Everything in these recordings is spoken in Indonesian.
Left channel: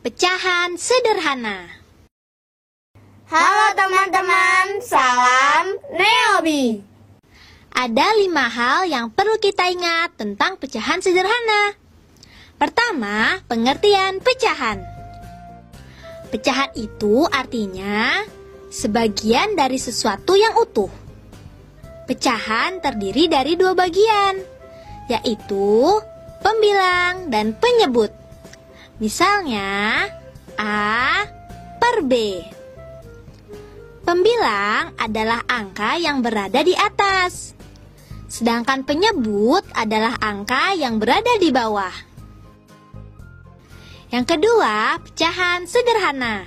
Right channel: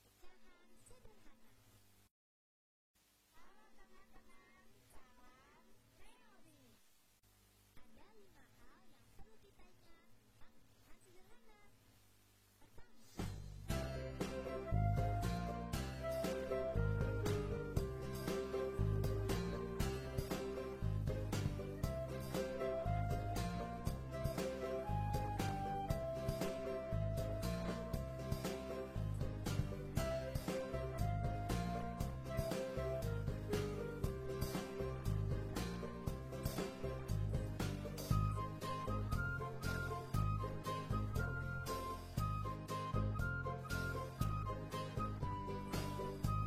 pecahan sederhana. Halo teman-teman, salam Neobi. Ada 5 hal yang perlu kita ingat tentang pecahan sederhana. Pertama, pengertian pecahan. Pecahan itu artinya sebagian dari sesuatu yang utuh. Pecahan terdiri dari 2 bagian, yaitu pembilang dan penyebut. Misalnya, A per B. Pembilang adalah angka yang berada di atas, sedangkan penyebut adalah angka yang berada di bawah. Yang kedua, pecahan sederhana.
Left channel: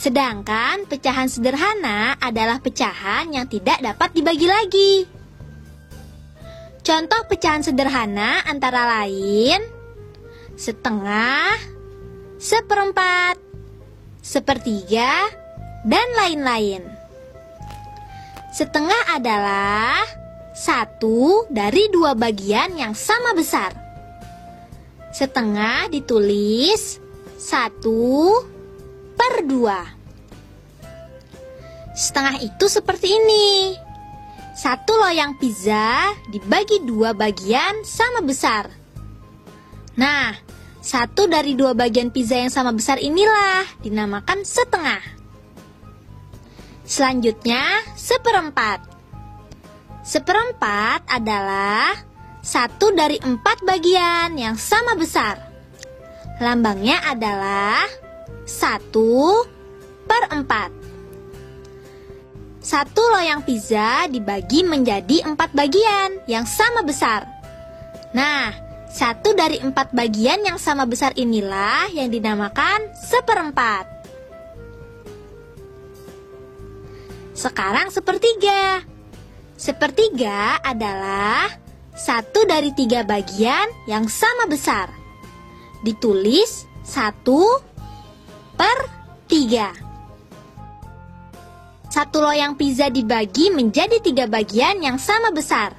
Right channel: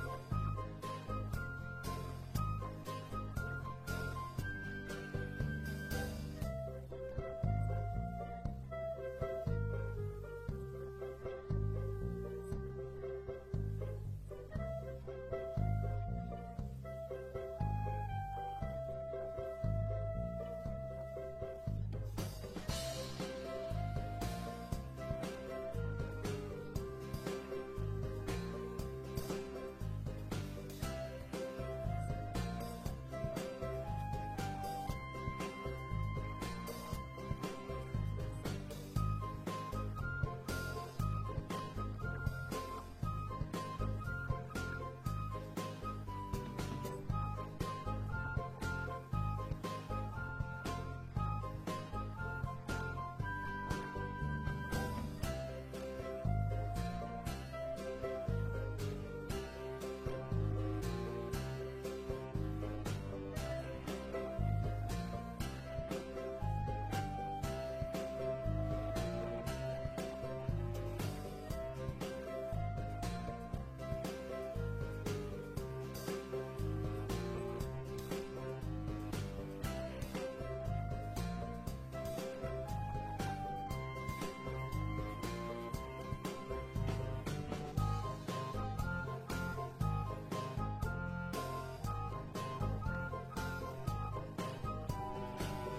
Sedangkan pecahan sederhana adalah pecahan yang tidak dapat dibagi lagi. Contoh pecahan sederhana antara lain setengah, seperempat, sepertiga, dan lain-lain. Setengah adalah 1 dari 2 bagian yang sama besar. Setengah ditulis 1 per 2. Setengah itu seperti ini. 1 loyang pizza dibagi 2 bagian sama besar. Nah, 1 dari 2 bagian pizza yang sama besar inilah dinamakan setengah. Selanjutnya, seperempat. Seperempat adalah 1 dari 4 bagian yang sama besar. Lambangnya adalah 1 per 4. 1 loyang pizza dibagi menjadi 4 bagian yang sama besar. Nah, 1 dari 4 bagian yang sama besar inilah yang dinamakan seperempat. Sekarang sepertiga. Sepertiga adalah 1 dari 3 bagian yang sama besar. Ditulis 1 per 3. 1 loyang pizza dibagi menjadi 3 bagian yang sama besar.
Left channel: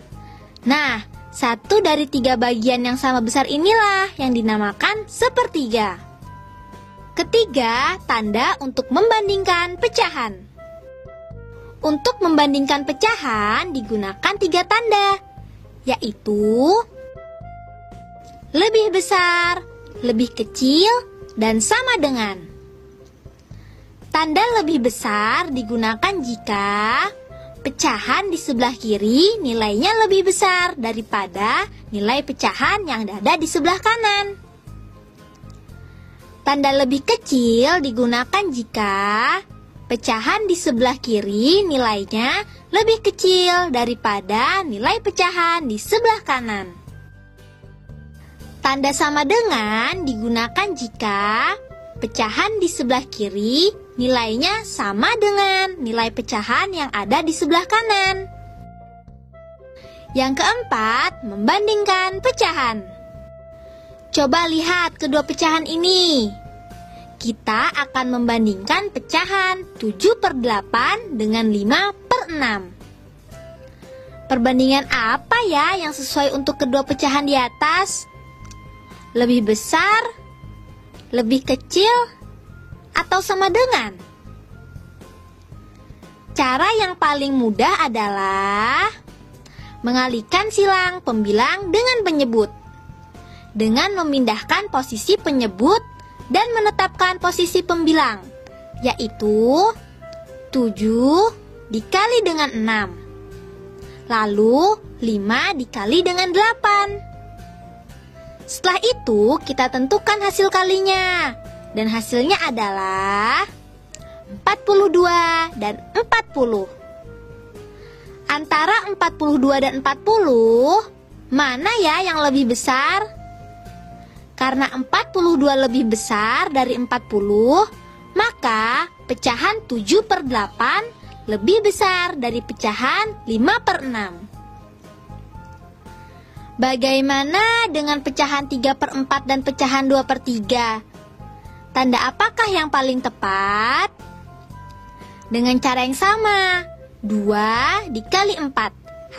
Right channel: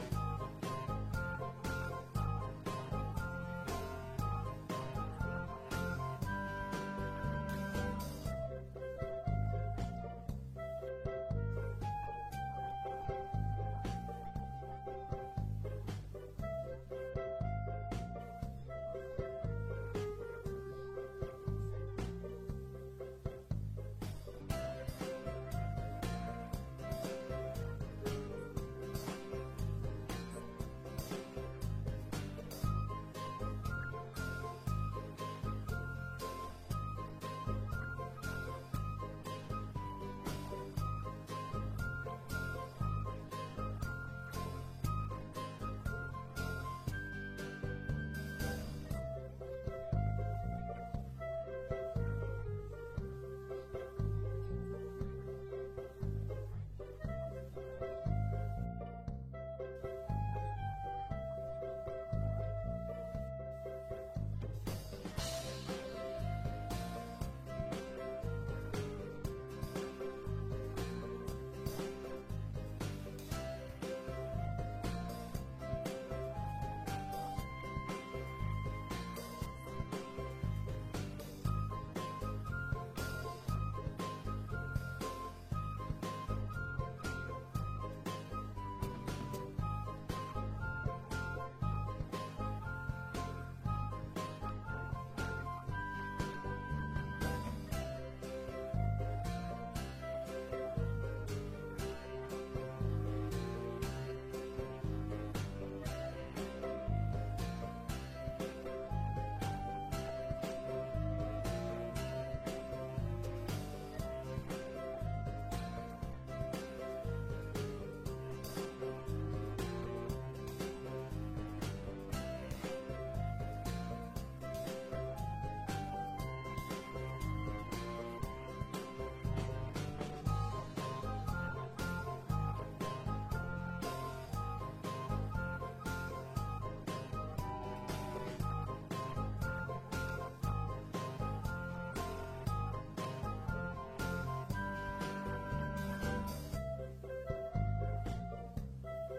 Nah, 1 dari 3 bagian yang sama besar inilah yang dinamakan sepertiga. Ketiga, tanda untuk membandingkan pecahan. Untuk membandingkan pecahan digunakan 3 tanda, yaitu lebih besar, lebih kecil, dan sama dengan. Tanda lebih besar digunakan jika pecahan di sebelah kiri nilainya lebih besar daripada nilai pecahan yang ada di sebelah kanan. Tanda lebih kecil digunakan jika pecahan di sebelah kiri nilainya lebih kecil daripada nilai pecahan di sebelah kanan. Tanda sama dengan digunakan jika pecahan di sebelah kiri nilainya sama dengan nilai pecahan yang ada di sebelah kanan. Yang keempat, membandingkan pecahan. Coba lihat kedua pecahan ini. Kita akan membandingkan pecahan 7 per 8 dengan 5 per 6. Perbandingan apa ya yang sesuai untuk kedua pecahan di atas? Lebih besar? Lebih kecil? Atau sama dengan? Cara yang paling mudah adalah mengalihkan silang pembilang dengan penyebut dengan memindahkan posisi penyebut dan menetapkan posisi pembilang, yaitu 7 dikali dengan 6, lalu 5 dikali dengan 8. Setelah itu kita tentukan hasil kalinya. Dan hasilnya adalah 42 dan 40. Antara 42 dan 40, mana ya yang lebih besar? Karena 42 lebih besar dari 40, maka pecahan 7 per 8 lebih besar dari pecahan 5 per 6. Bagaimana dengan pecahan 3 per 4 dan pecahan 2 per 3? Tanda apakah yang paling tepat? Dengan cara yang sama, 2 dikali 4,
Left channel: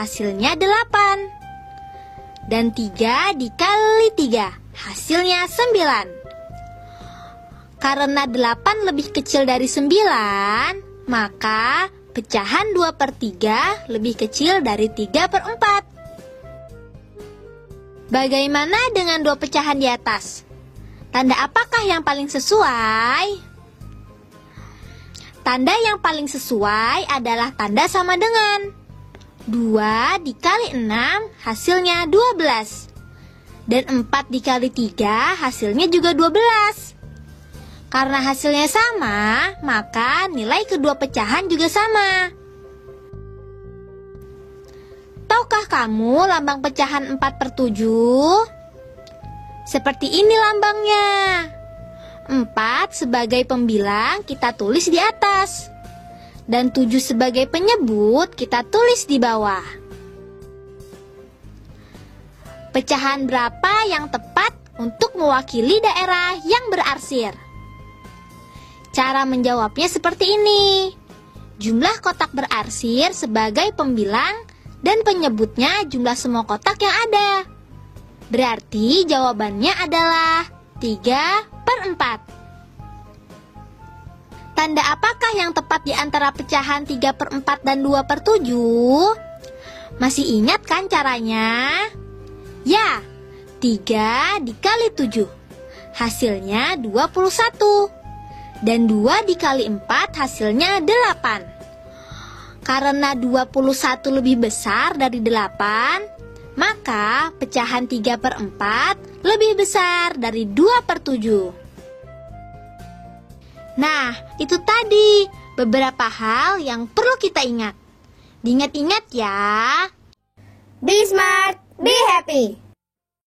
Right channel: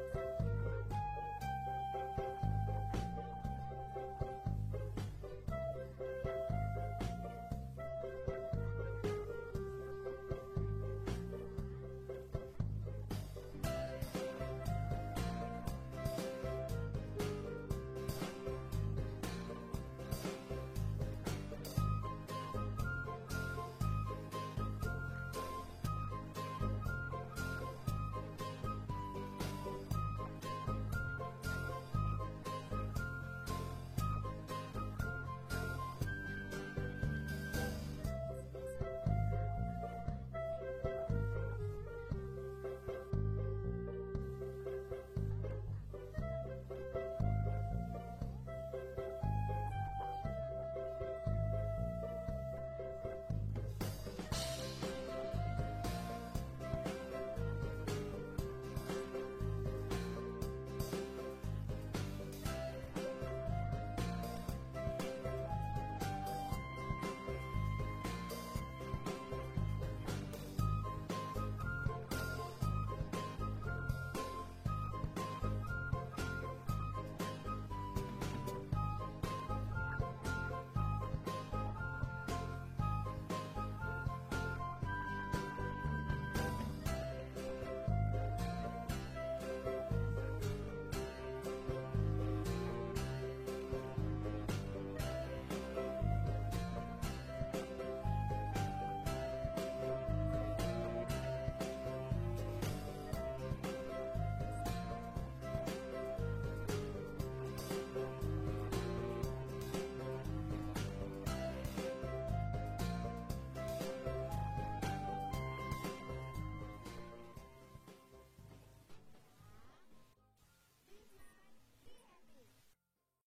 hasilnya 8. Dan 3 dikali 3, hasilnya 9. Karena 8 lebih kecil dari 9, maka pecahan 2/3 lebih kecil dari 3/4. Bagaimana dengan dua pecahan di atas? Tanda apakah yang paling sesuai? Tanda yang paling sesuai adalah tanda sama dengan. 2 dikali 6 hasilnya 12. Dan 4 dikali 3 hasilnya juga 12. Karena hasilnya sama, maka nilai kedua pecahan juga sama. Tahukah kamu lambang pecahan 4/7? Seperti ini lambangnya. 4 sebagai pembilang kita tulis di atas. Dan 7 sebagai penyebut kita tulis di bawah. Pecahan berapa yang tepat untuk mewakili daerah yang berarsir? Cara menjawabnya seperti ini. Jumlah kotak berarsir sebagai pembilang dan penyebutnya jumlah semua kotak yang ada. Berarti jawabannya adalah 3/4. Tanda apakah yang tepat di antara pecahan 3/4 dan 2/7? Masih ingat kan caranya? Ya, 3 dikali 7. Hasilnya 21. Dan 2 dikali 4 hasilnya 8. Karena 21 lebih besar dari 8, maka pecahan 3/4 lebih besar dari 2/7. Nah, itu tadi beberapa hal yang perlu kita ingat. Diingat-ingat ya. Be smart, be happy.